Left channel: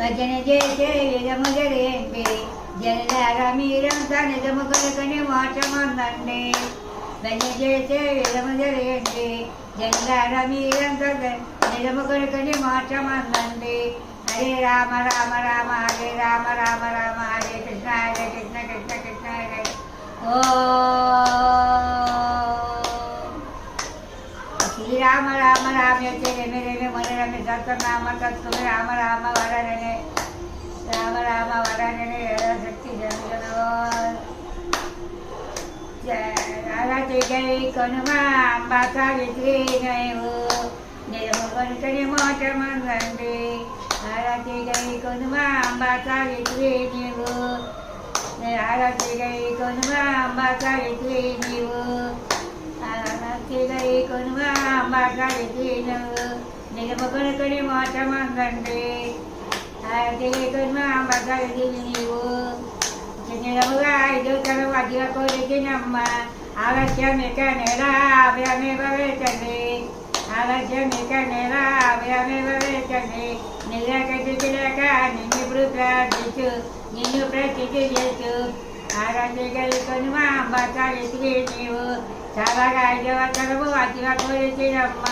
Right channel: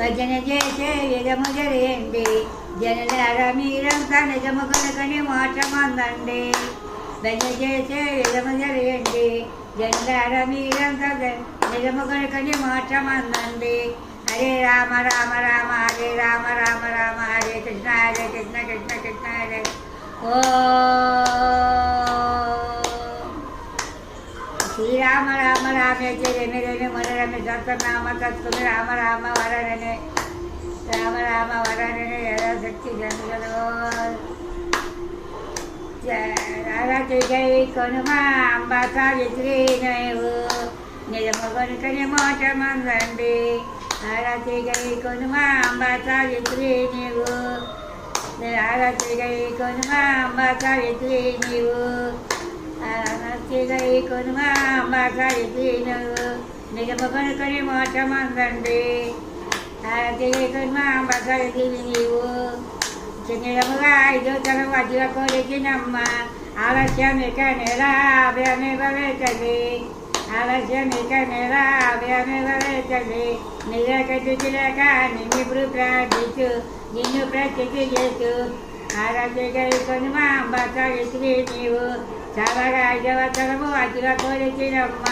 భజన చేసే విధము జరిగండి, జననార మీరంతా నిజము కనుకని మోక్షమందండి. భజన చేసే విధము జరిగండి, జననార మీరంతా నిజము కనుకని మోక్షమందండి. హరే రామ రామ రామ హరే రామ రామ రామ హరే కృష్ణ కృష్ణ కృష్ణ హరే. ఓ శ్రీరామ రామ రామేశ్వరి రమే రమే మనరమే సత్యనామ తత్వమే రామ రామ వరరనే రామ రామ వరరనే శక్తి జనుగలో జై కొనుమా అంబా సావిత్రి నయవు నిజము కొనుకని మోక్షమందండి. ఆరతి గై కొనుమా అంబా సావిత్రి నీవు, ఆరతి గై కొనుమా అంబా సావిత్రి నీవు, ఆరతి కొనుమా అంబా సావిత్రి నువ్వు నిజము కొనుకొని మోక్షమందండి. ఆరతి కొనుమా అంబా సావిత్రి నీవు నిజముగా ఐదు తరం అదిగా కోరికినమ్మ. ఆలస్యం ఇక నెలా అభయమే భవేతది, ఆలస్యం ఇక నెలా అభయమే భవేతది. నిజకటిలేక నిన్నిప్పుడు ప్రార్థించు, నిన్ను ప్రతికి చేసు. ఆరాధ్య గైకొని మా అంబ సావిత్రి నీవు చాలా 5వ తరము అతిగా కోరికినమ్మ.